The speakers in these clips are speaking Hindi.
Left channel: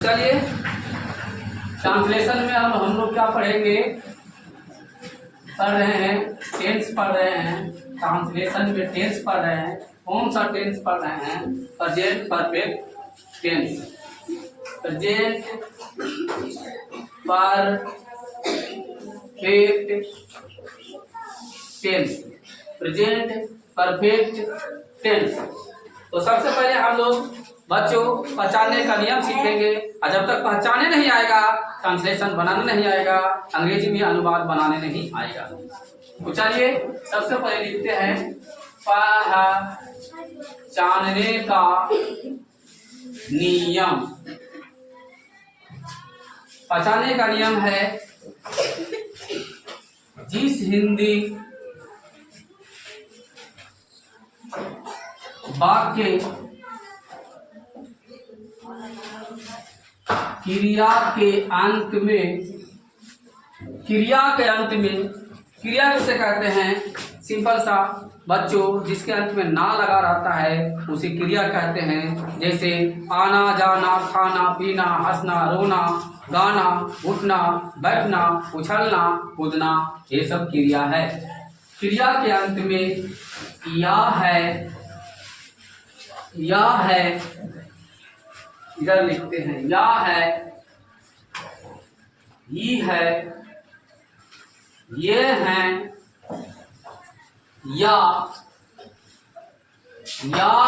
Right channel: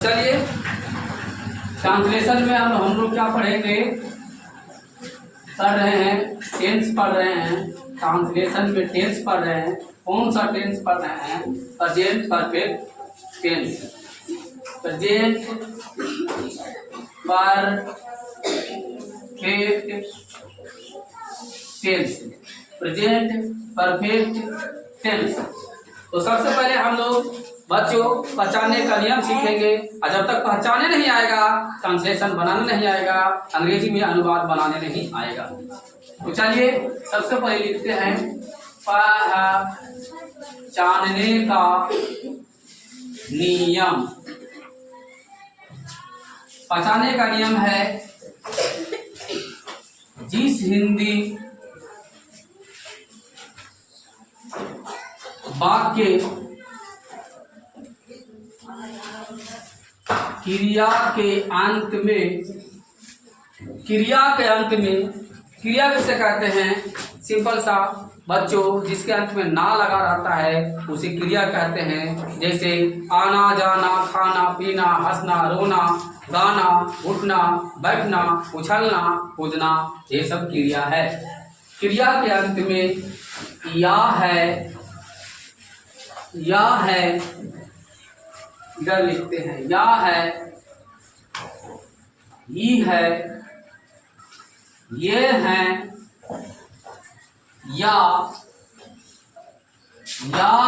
चलिए ट्रांसलेशन में हम लोग क्या पढ़ेंगे, पढ़ रहे हैं टेंस पढ़ रहे हैं। ट्रांसलेशन में टेंस पढ़ रहे हैं। कौन सा टेंस पढ़ रहे हैं? Present perfect tense. Present perfect tense. Present perfect tense. तो सबसे पहले हम लोग बच्चों पहचानने का नियम सीखेंगे, और जब तक पहचाने नहीं आएगा ट्रांसलेशन बनाने नहीं आएगा, अंग्रेजी में अनुवाद बनाने नहीं आएगा। तो चलिए सबसे पहले लिखते हैं पहचानने का नियम। पहचानने का नियम है जिस हिंदी वाक्य क्रिया के अंत में क्रिया किसे कहते हैं? सिंपल सा बच्चों, जिसके अंत में ना लगा रहता है उसे क्रिया कहते हैं। जैसे आना जाना, खाना पीना, हंसना रोना, गाना उठना बैठना, उछलना कूदना, ये सब क्रिया है। क्रिया के अंत में या है इधर लिखते हैं, या है, ये है, ये हैं, या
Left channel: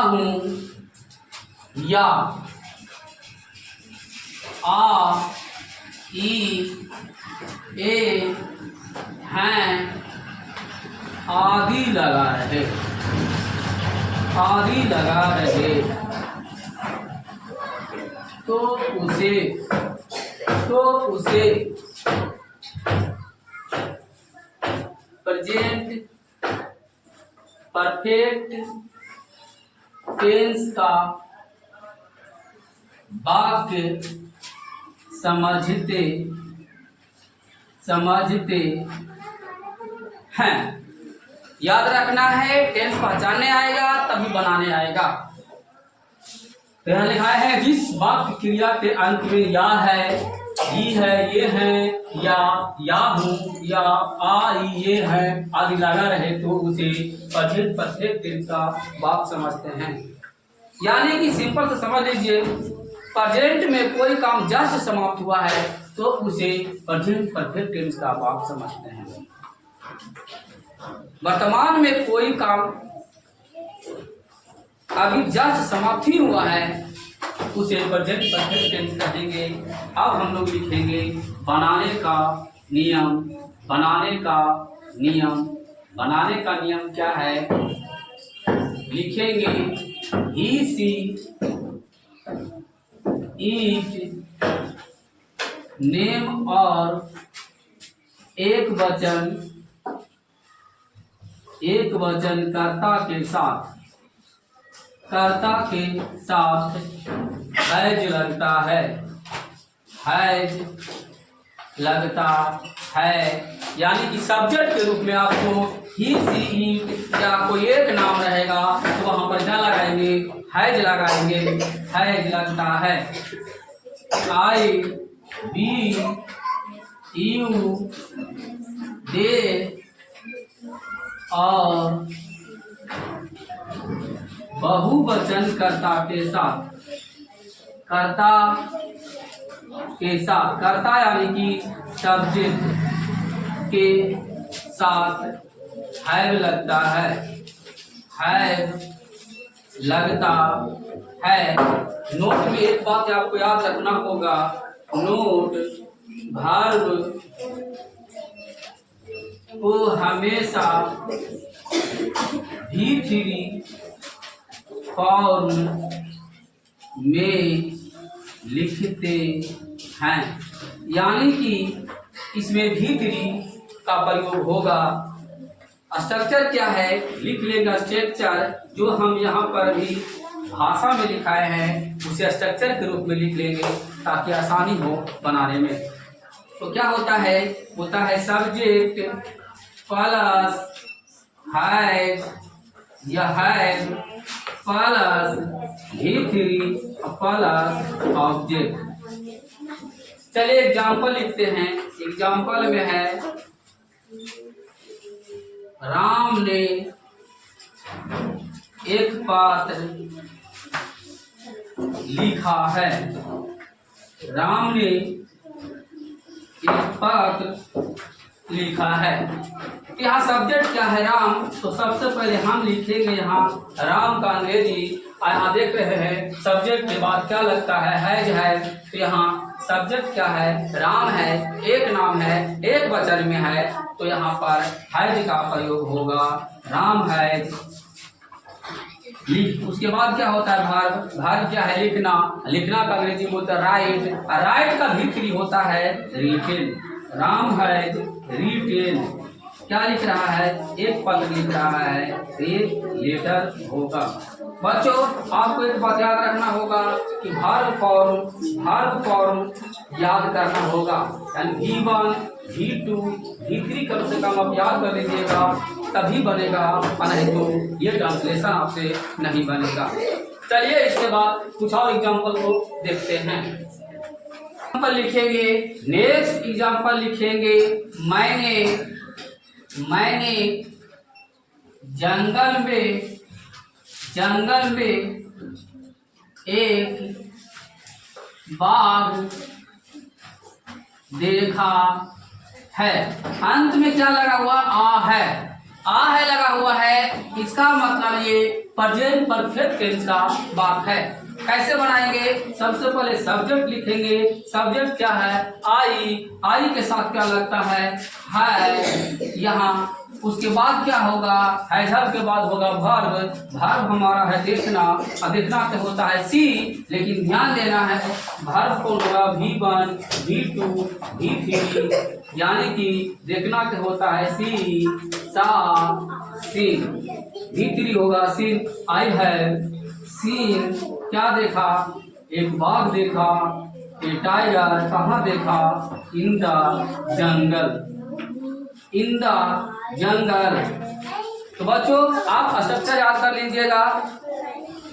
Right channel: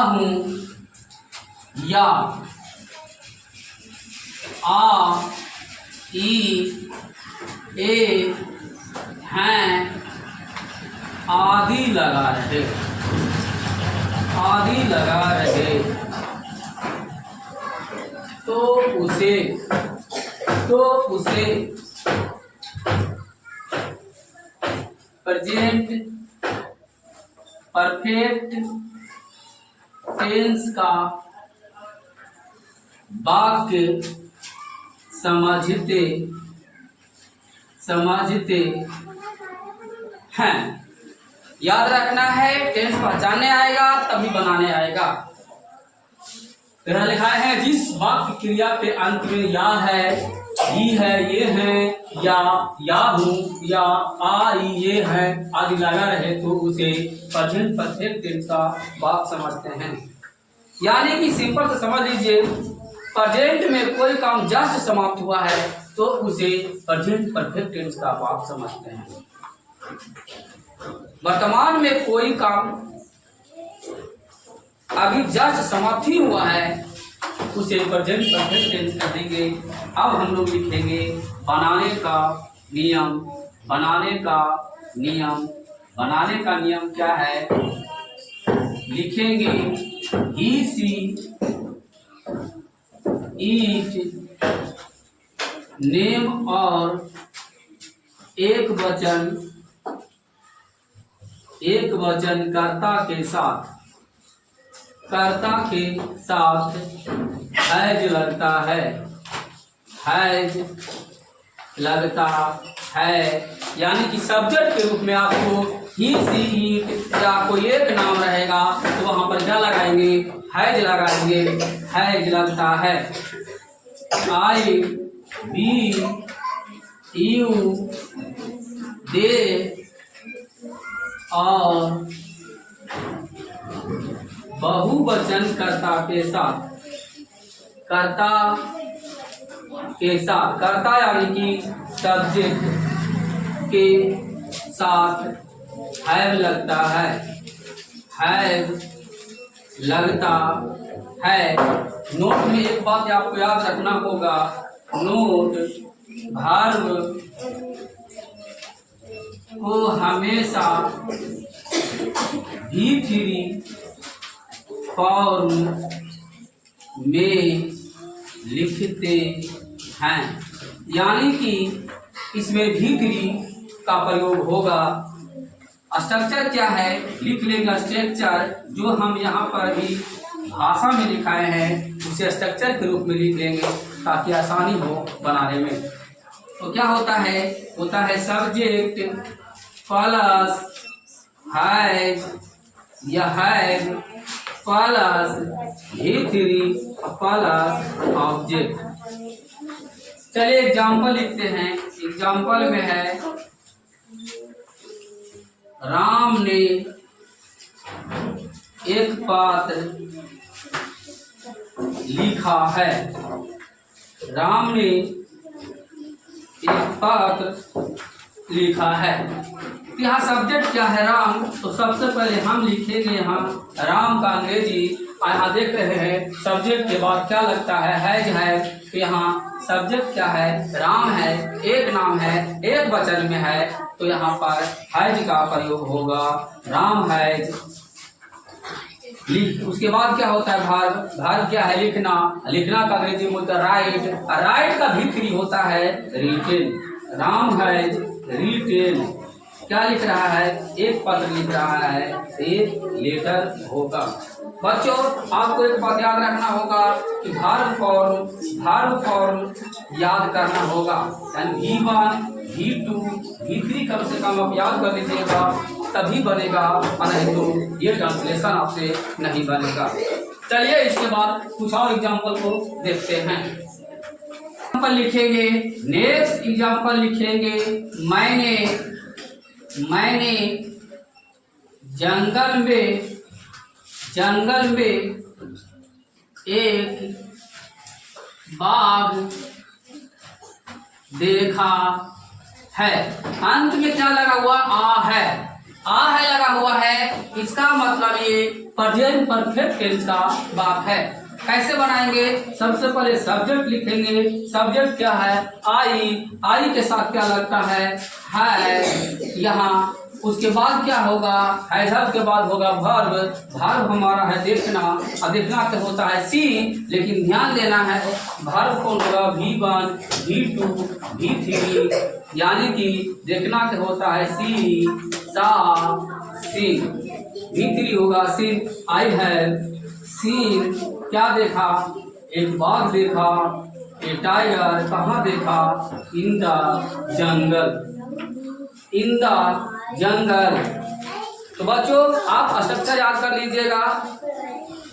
हूं, या, आ, ई, ए, हैं, आदि लगा रहे, तो उसे प्रेजेंट परफेक्ट टेंस का वाक्य समझते हैं। याद रखना है, टेंस पहचानने आएगा तभी बनाने आएगा। यहाँ लिखा है जिस वाक्य क्रिया के अंत में या है, ही है, ये है, या हूं, या आ, ये है आदि लगा रहे तो उसे प्रेजेंट परफेक्ट टेंस का वाक्य समझते हैं। यानी कि सिंपल से समझ लीजिए, प्रेजेंट में कोई काम जस्ट समाप्त हुआ है तो उसे प्रेजेंट परफेक्ट टेंस का वाक्य समझते हैं। वर्तमान में कोई काम अभी जस्ट समाप्त ही हुआ है उसे प्रेजेंट परफेक्ट टेंस कर देंगे। अब हम लोग लिखेंगे बनाने का नियम क्या है? लिखेंगे ही, सी, ईट, नेम और एक वचन कर्ता के साथ हैज लगता है, यानी कि सब्जेक्ट के रूप में आपको ही, सी, ईट या कोई एक नाम रहेगा तो वहां पर क्या लगाएंगे? हैज लगाएंगे। हैज लगता है। आई, बी, यू, दे और बहुवचन कर्ता यानी कि सब्जेक्ट के साथ हैव लगता है। नोट में एक बात आपको याद रखना होगा, नोट वर्ब को हमेशा V3 फॉर्म में लिखते हैं, यानी कि इसमें V3 का प्रयोग होगा। स्ट्रक्चर क्या है? लिख लेंगे स्ट्रक्चर, जो हम यहाँ पर अभी भाषा में लिखाए हैं उसे स्ट्रक्चर के रूप में लिख लेंगे ताकि आसानी हो बनाने में। तो क्या होता है सब्जेक्ट प्लस हैज या has plus V3 plus object चलिए एग्जाम्पल लिखते हैं। एग्जाम्पल में है राम ने एक पात्र लिखा है। राम ने एक पात्र लिखा है। यहाँ सब्जेक्ट क्या है? राम। तो सबसे पहले हम लिखेंगे यहाँ राम का अंग्रेजी। यहाँ देख रहे हैं सब्जेक्ट के बाद क्या लगता है? हैज है। तो यहाँ सब्जेक्ट क्या है? राम है, एक नाम है, एक वचन में है, तो यहाँ पर हैज का प्रयोग होगा। राम हैज लिख। उसके बाद क्या होता है? भार्ब। भार्ब क्या है? लिखना। लिखना का अंग्रेजी में होता है राइट। राइट का भी होता है रिटेन। Ram has retain. क्या लिख रहा है? एक पत्र लिख रहा है, एक लेटर होगा। बच्चों आपको एक बात याद रखना होगा कि वर्ब फॉर्म याद करना होगा। यानी V1, V2, V3 कम से कम आप याद कर लीजिएगा, तभी बनेगा, नहीं तो ये ट्रांसलेशन आपसे नहीं बनेगा। चलिए इसके बाद कुछ और एग्जाम्पल को देखते हैं। एग्जाम्पल लिखेंगे, नेक्स्ट एग्जाम्पल लिखेंगे, मैंने जंगल में एक बाघ देखा है। अंत में क्या लगा हुआ? आ है। आ है लगा हुआ है। इसका मतलब ये प्रेजेंट परफेक्ट टेंस का बात है। कैसे बनाएंगे? सबसे पहले सब्जेक्ट लिखेंगे। सब्जेक्ट क्या है? आई के साथ क्या लगता है यहाँ। उसके बाद क्या होगा? हैजर के बाद होगा वर्ब। वर्ब हमारा है देखना, और देखना क्या होता है? सी। लेकिन ध्यान देना है वर्ब कौन होगा? V1, V2, V3, यानी कि देखना क्या होता है? सी, सा, सी। V3 होगा सीन। I have seen. क्या देखा? एक बाघ देखा। ए टाइगर। कहाँ देखा? In the jungle. तो बच्चों आप स्ट्रक्चर याद कर लीजिएगा।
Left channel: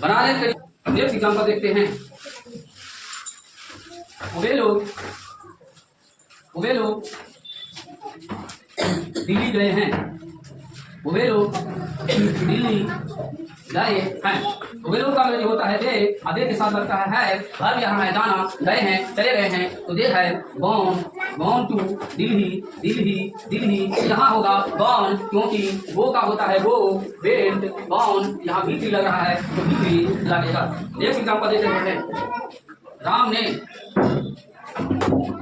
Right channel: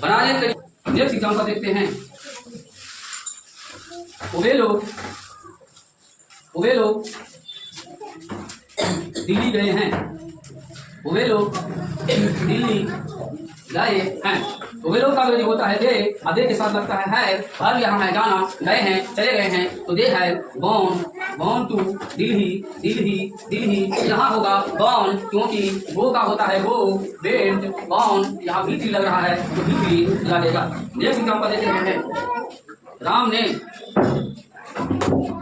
बनाने के नेक्स्ट एग्जाम्पल देखते हैं। वे लोग दिल्ली गए हैं। वे लोग दिल्ली गए हैं। तो वे लोग का अंग्रेजी होता है दे। और दे के साथ लगता है। वर्ब यहाँ है जाना, गए हैं, चले गए हैं, तो दे है गॉन टू दिल्ली। यहाँ होगा गॉन, क्योंकि गो का होता है गो। वेंट, गॉन, यहाँ भी लग रहा है तो भी लगेगा। नेक्स्ट एग्जाम्पल देते हैं। राम ने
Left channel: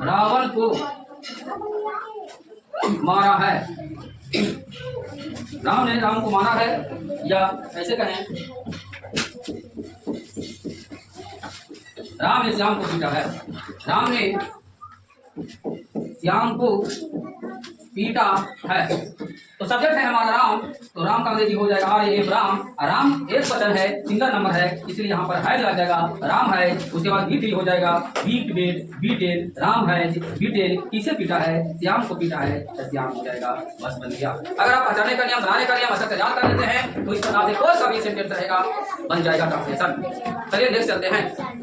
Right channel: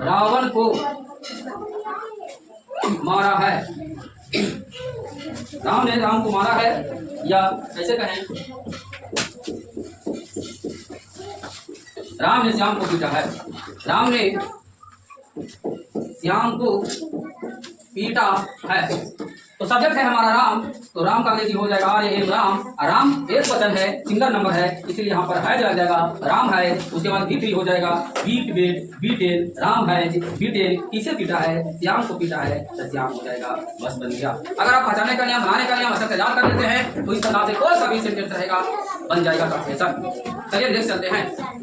रावण को मारा है। राम ने राम को मारा है, या ऐसे कहें राम ने श्याम को पीटा है। राम ने श्याम को पीटा है। तो सब्जेक्ट है हमारा राम। तो राम का अंग्रेजी हो जाएगा राम। राम एक वचन है, सिंगल नंबर है, इसलिए यहाँ पर है आ जाएगा राम है। उसके बाद V3 हो जाएगा बीटेन। राम है बीटेन। किसे पीटा है? श्याम को पीटा है, तो श्याम हो जाएगा। बस बन गया। अगर आप पहचानने का नियम, बनाने का नियम अच्छा से याद कर लेते हैं तो इस तरह से कोई सा भी सेंटेंस रहेगा, बन जाएगा ट्रांसलेशन। चलिए नेक्स्ट चलते हैं।